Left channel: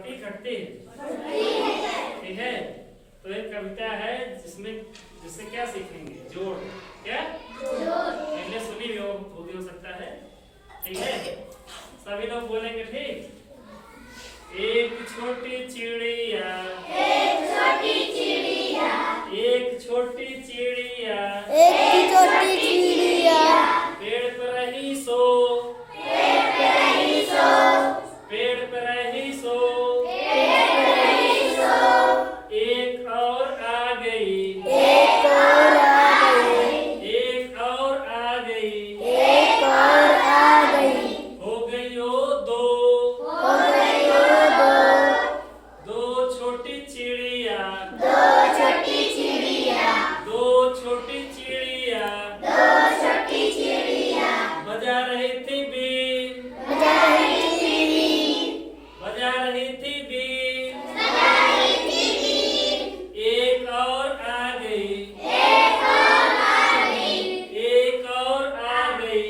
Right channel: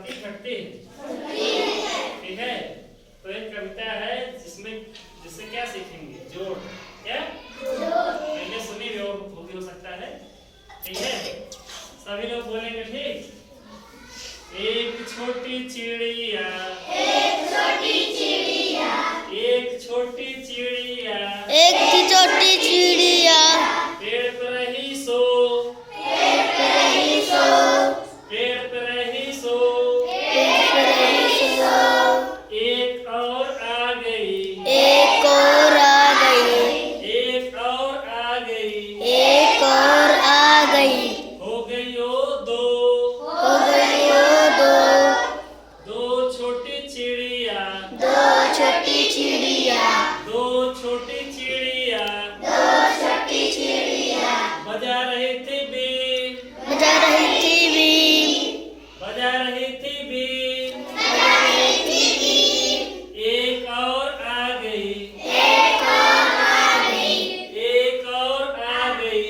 बढ़ती घटती ठीक है। तो एक कविता है जिससे क्या सीखेंगे, जोड़। क्या पहले सुनी भी हो सकता है, ठीक है। सभी लोग बोलेंगे, ठीक। एक छोटी चिड़िया, एक छोटी चिड़िया, एक छोटी चिड़िया, एक छोटी चिड़िया, पेड़ पर रही सो, पेड़ पर रही सो, पेड़ पर रही सो, पेड़ पर रही सो, एक और आ गई, एक और आ गई, एक और आ गई, एक और आ गई, हो गई ओ दो, हो गई ओ दो, दो छोटी चिड़िया, दो छोटी चिड़िया, दो छोटी चिड़िया, दो छोटी चिड़िया, बजा रही थी बीन, बजा रही थी बीन, बजा रही थी बीन, बजा रही थी बीन, एक और आ गई, एक और आ गई, एक और आ गई,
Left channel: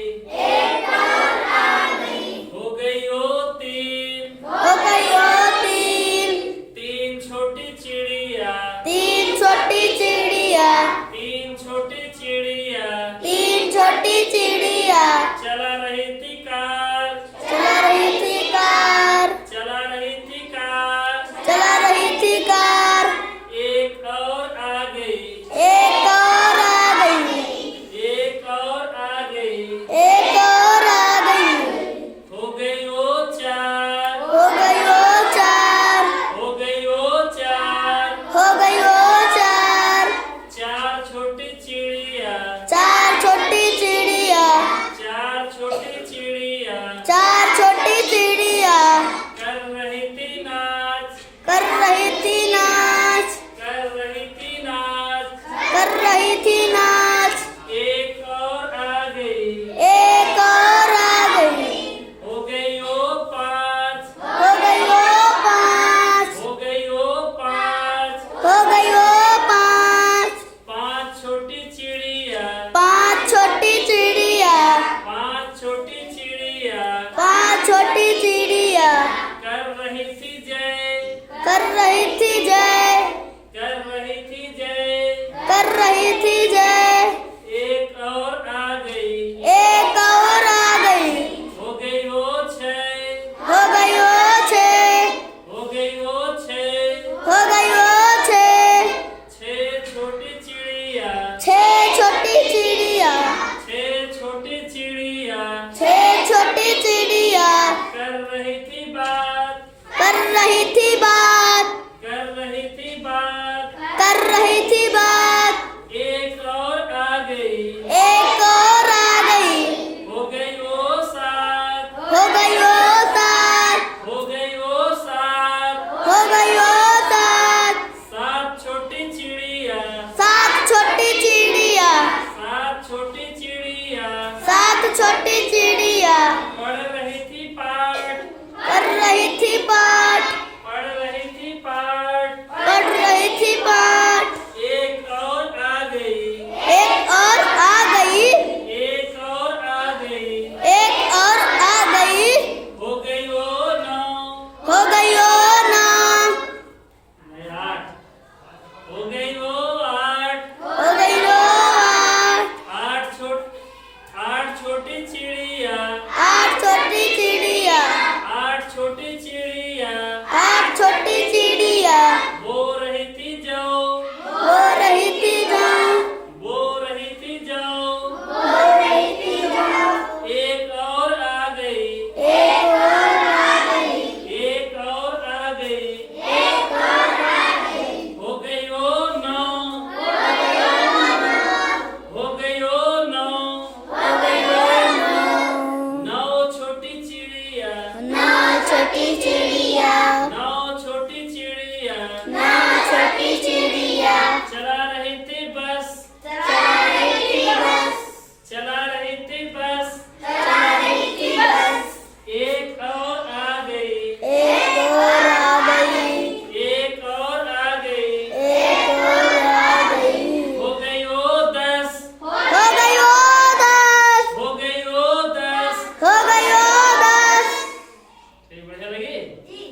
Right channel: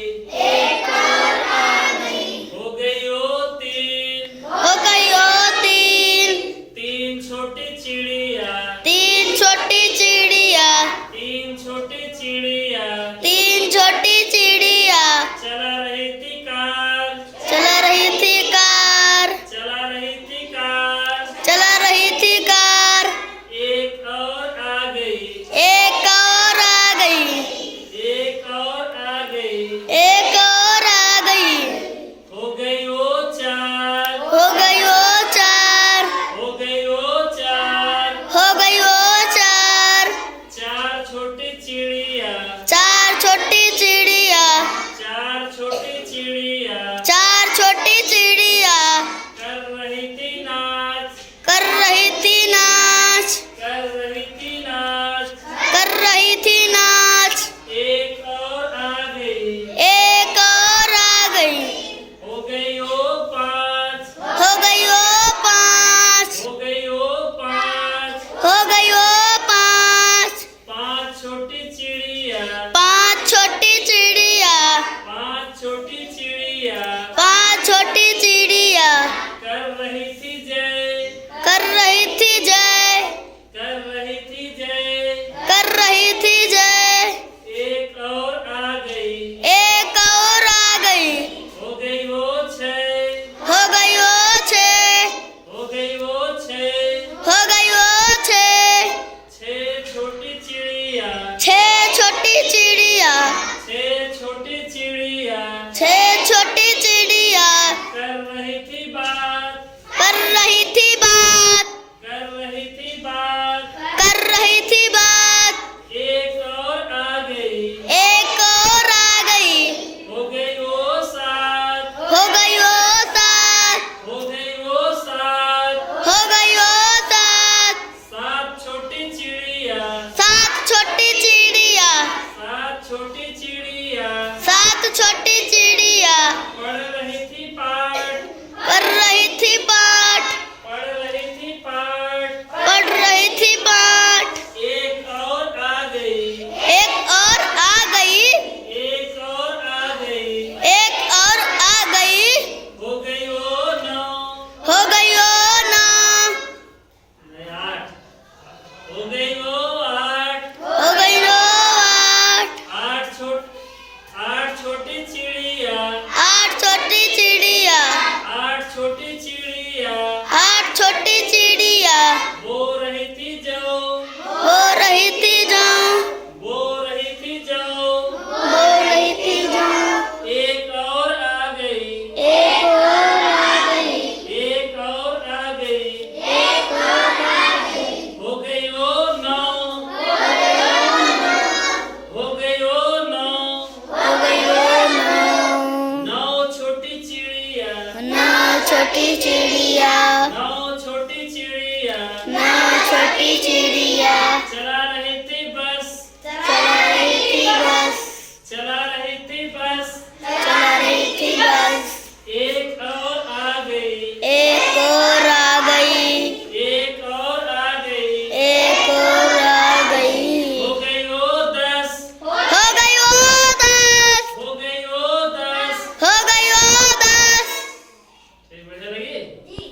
एक और आ गई, हो गई ओ तीन, हो गई ओ तीन, तीन छोटी चिड़िया, तीन छोटी चिड़िया, तीन छोटी चिड़िया, तीन छोटी चिड़िया, चला रही थी कार, चला रही थी कार, चला रही थी कार, चला रही थी कार, एक और आ गई, एक और आ गई, एक और आ गई, एक और आ गई, हो गई ओ चार, हो गई ओ चार, हो गई ओ चार, हो गई ओ चार, चार छोटी चिड़िया, चार छोटी चिड़िया, चार छोटी चिड़िया, चार छोटी चिड़िया, कर रही थी नाच, कर रही थी नाच, कर रही थी नाच, कर रही थी नाच, एक और आ गई, एक और आ गई, हो गई ओ पाँच, हो गई ओ पाँच, हो गई ओ पाँच, हो गई ओ पाँच, पाँच छोटी चिड़िया, पाँच छोटी चिड़िया, पाँच छोटी चिड़िया, पाँच छोटी चिड़िया, कर रही थी जय, कर रही थी जय, कर रही थी जय, कर रही थी जय, एक और आ गई, एक और आ गई, हो गई वो छह, हो गई ओ छः, हो गई वो छह, हो गई ओ छः, छह छोटी चिड़िया, छः छोटी चिड़िया, छह छोटी चिड़िया, छः छोटी चिड़िया, कर रही थी बात, कर रही थी बात, कर रही थी बात, कर रही थी बात, एक और आ गई, एक और आ गई, हो गई वो सात, हो गई ओ सात, हो गई वो सात, हो गई ओ सात, सात छोटी चिड़िया, सात छोटी चिड़िया, सात छोटी चिड़िया, सात छोटी चिड़िया, पढ़ रही थी पाठ, पढ़ रही थी पाठ, पढ़ रही थी पाठ, पढ़ रही थी पाठ, एक और आ गई, एक और आ गई, एक और आ गई, एक और आ गई, हो गई वो नौ, हो गई ओ नौ, नहीं, आठ, हो गई वो आठ, हो गई ओ आठ, आठ छोटी चिड़िया, आठ छोटी चिड़िया, आठ छोटी चिड़िया, आठ छोटी चिड़िया, बो रही थी जाओ, हो रही थी जाऊं, बो रही थी जाओ, हो रही थी जाऊं, एक और आ गई, एक और आ गई, एक और आ गई, एक और आ गई, हो गई वो नौ, हो गई ओ नौ, हो गई वो नौ, हो गई ओ नौ, नौ छोटी चिड़िया, नौ छोटी चिड़िया, नौ छोटी चिड़िया, नौ छोटी चिड़िया, चला रही